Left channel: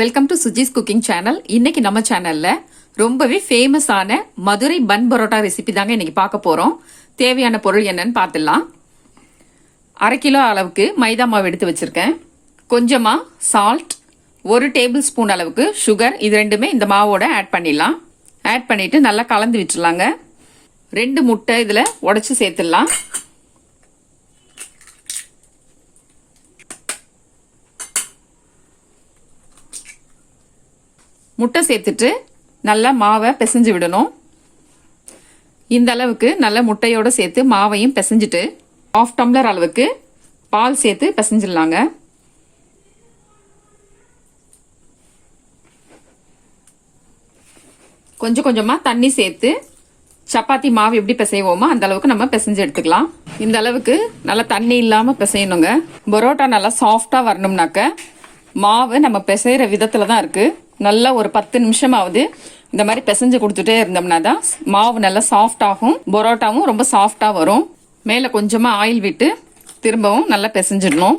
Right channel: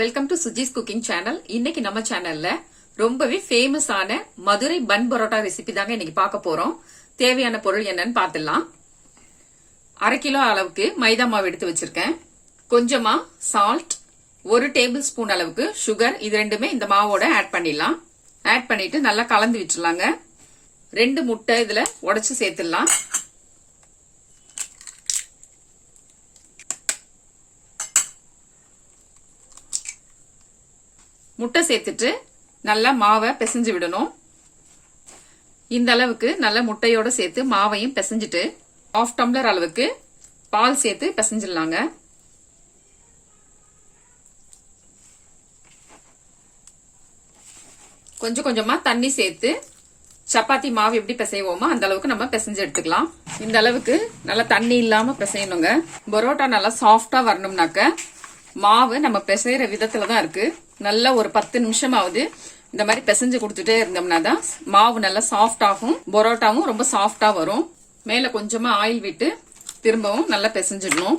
Welcome to Suji's cooking channel. இன்னைக்கு நம்ம சேனல்ல ரொம்பவே ஃபேமஸான மதுரை பன் பரோட்டா ரெசிபி தாங்க இன்னைக்கு பார்க்க போறோம். தேவையான பொருள் என்னன்னு பார்த்துடலாம். 1/2 கிலோ அளவுக்கு மைதா மாவு எடுத்து வச்சிருக்கேன். கொஞ்சமா சால்ட், 1 டேபிள் ஸ்பூன் அளவுக்கு சுகர், இது ரெண்டுமே இந்த மாவோட ஆட் பண்ணிடலாம். ஆட் பண்ணிட்டு நல்லா கலந்து விட்டுலாங்க. 2 முட்டை இதுல உடைச்சு சேர்த்துடலாம். முட்டை சேர்த்துட்டு நல்லா மாவை பிசைஞ்சு விடணும். இந்த அளவுக்கு நல்ல முட்டையோட சேர்த்து மாவையும் பிசைஞ்சிட்டு 1/2 டம்ளர் அளவுக்கு பால் சேர்த்து பிசைஞ்சிடலாங்க. கொஞ்சம் கொஞ்சமா தண்ணி சேர்த்து சப்பாத்தி மாவு எப்படி பிசைவோமோ அந்த அளவுக்கு நம்ம பிசைஞ்சு எடுத்துக்கலாம். இந்த அளவுக்கு நல்லா தண்ணி இல்லாம பிசையணுங்க. பரோட்டா நல்லா சாஃப்டா வரணும்னாக்க மாவு நம்ம பிசைற விதத்துல தான் இருக்கு. நல்லா ஒரு 10 நிமிஷமாவது இந்த மாதிரி பிசைஞ்சு கொடுத்துட்டே இருந்தோம்னா தான் மாவு நல்லா சாஃப்ட் ஆகும், பரோட்டாவும் ரொம்ப சாஃப்டா வரும். மேல கொஞ்சமா ஆயில் விட்டு திரும்பவும் நல்லா பிசைஞ்சிடணும்.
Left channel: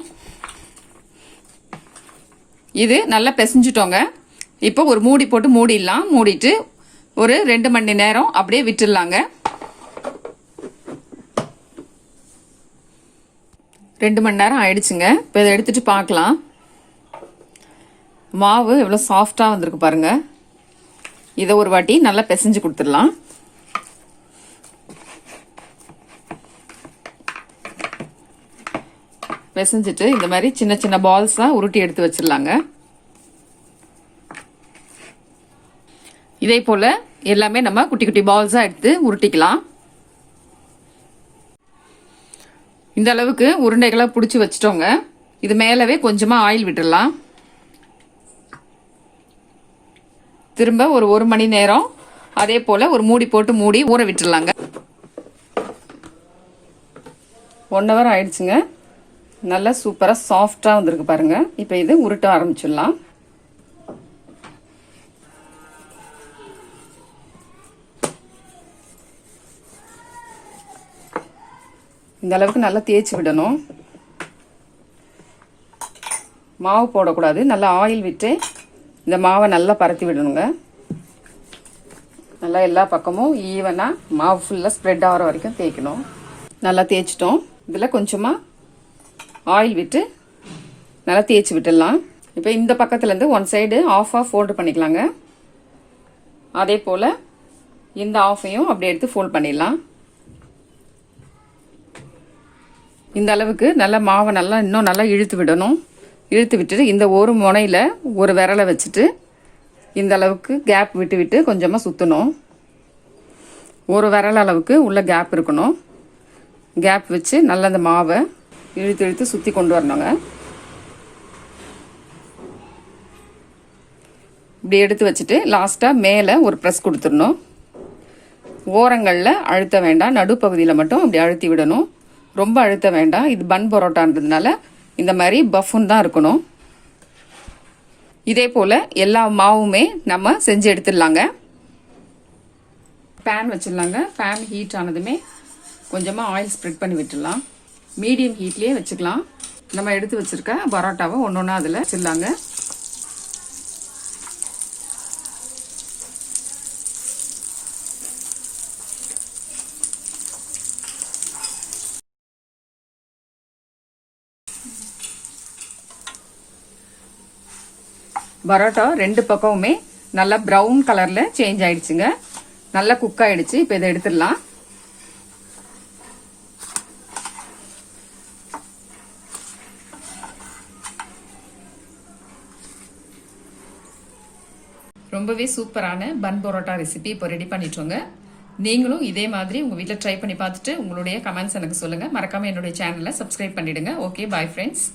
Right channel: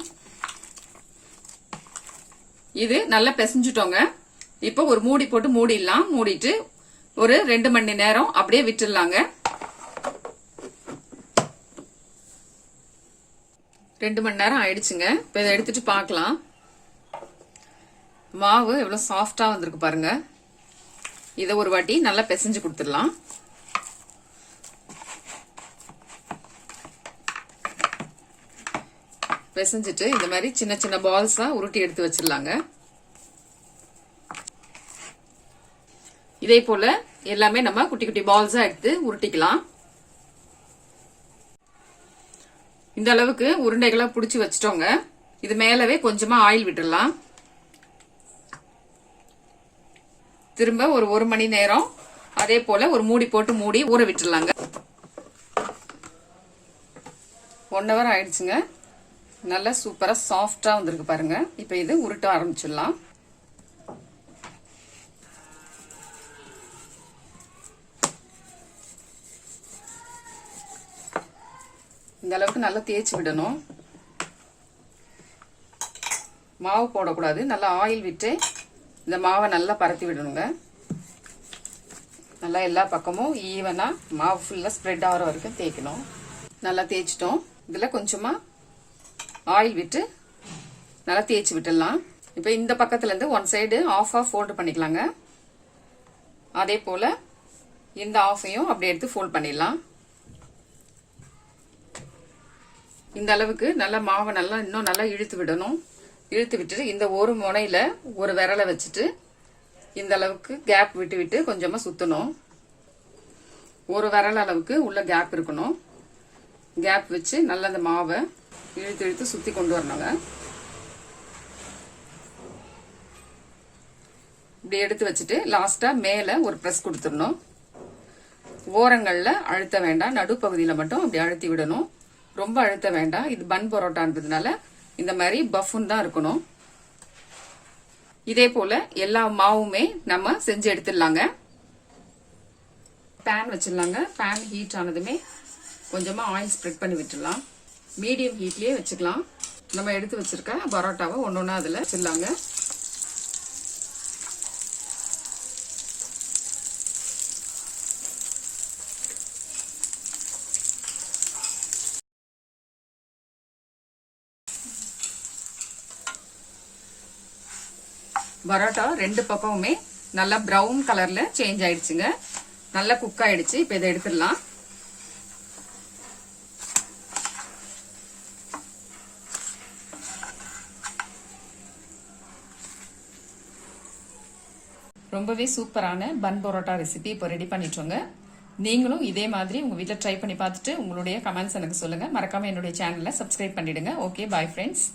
இது நல்லா பிசைஞ்சிட்டோங்க. இப்போ ஒரு மூடி போட்டு மூடிடலாம். மூடிட்டு ஒரு 2 மணி நேரம் அப்படியே விட்டுடலாங்க. 2 மணி நேரம் ஆயிடுச்சுங்க. இப்போ இதை எடுத்துட்டு பார்க்கலாம். மாவு எவ்வளோ சாஃப்டாக வந்திருக்கு பாருங்க. இதை ஒரு வாட்டி நல்லா பிசைஞ்சு கொடுத்துடலாம். பிசைஞ்சிட்டு இந்த மாதிரி சின்ன சின்ன பால்ஸாக உருட்டி எடுத்து வச்சிடலாங்க. இதே போல எல்லாமே நம்ம குட்டி குட்டி பால்ஸாக எடுத்து உருட்டிக்கலாம். இந்த அளவுக்கு உருண்டைகளாக பிடிச்சி வச்சிட்டோங்க. இது மேலவே கொஞ்சமாக ஆயில் விட்டுடலாம். திரும்ப ஒரு 1 மணி நேரம் அதே போல ஒரு மூடி போட்டு மூடி ஊற விட்டுடலாங்க. 1 ஹவர் ஆயிடுச்சுங்க. நல்லா சூப்பரா சாஃப்டா வந்திருக்கு பாருங்க. இப்போ இது உருட்ட ஆரம்பிச்சிடலாம். இந்த அளவுக்கு நல்லா தேய்ச்சி விடணும். மாவு போடக்கூடாது. நல்லா ஆயில் விட்டு இந்த மாவை நல்லா பரத்தி விடணுங்க. நல்லா எல்லா பக்கமும் ஈவனா மாவு ஃபுல்லா ஸ்ப்ரெட் ஆகிற வரைக்கும் தேய்க்கணும். நல்லா தேய்ச்சிட்டோம். இதில் கொஞ்சமா ஆயில் விட்டு நல்லா தேய்ச்சி விட்டுடலாம். இப்போ இந்த பக்கத்துல இருந்து 1 சைடு ஆஃபா ஃபோல்டு பண்ணிக்கலாங்க. அதே போல இந்த ஆஃபையும் அப்படியே எடுத்து ஃபோல்ட் பண்ணிடலாம். இந்த அளவுக்கு நல்லா மாவை நல்லா இன்னும் நல்லா இழுத்து விடணும். இழுத்து விட்டுட்டு இந்த ஒரு முனையில ஒரு விரலை வச்சுட்டு இந்த அளவுக்கு கேப் விட்டு விட்டு கொஞ்சமா சுத்தணும். ஒரு விரல் அளவுக்கு உள்ள கேப் இருக்கணும். கேப் வச்சு நல்லா அந்த மாவை இழுத்து இழுத்து சுத்தி கொண்டு வரணுங்க. இப்படி எடுத்து வச்சுட்டு லாஸ்டா மேல ஒரு பிரஸ் கொடுத்துடணும். ஓரங்கள்ல அழுத்த வேண்டாம், நடுப்பகுதியில மட்டும் அப்படி அழுத்தி விடணும். ரொம்ப அழுத்த வேண்டாம். இது பன் பரோட்டான்றதுனால இந்த மாதிரி பஃபுன் தான் இருக்கணும். இதே போல எல்லா மாவுமே நம்ம செஞ்சு எடுத்துடலாங்க. பேன் வச்சிடலாங்க. பேன் ஹீட் ஆனதுமே கொஞ்சமா ஆயில் ஸ்ப்ரெட் பண்ணி விட்டுடலாம். மீடியம் ஹீட்லயே வச்சுக்கலாம். நம்ம எடுத்து வச்சிருக்க பரோட்டாவை ஒன்னொன்னா அதுல வச்சிடலாங்க. பரோட்டா 2 பக்கமுமே நல்லா பிரவுன் கலர்ல சேஞ்ச் ஆயிடுச்சுங்க. நல்லா குக் ஆயிடுச்சு. இப்ப இதை எடுத்துடலாம். ரொம்பவே சூப்பரான பன் பரோட்டா ரெசிபி இப்போ ரெடி பண்ணிட்டோங்க. நீங்களும் இதே மாதிரி உங்க வீட்டில் ட்ரை பண்ணி பார்த்துட்டு உங்களுடைய கமெண்ட்ஸ் எனக்கு சொல்லுங்க. மறக்காம என்னுடைய சேனலை சப்ஸ்கிரைப் பண்ணிடுங்க. Okay, bye friends.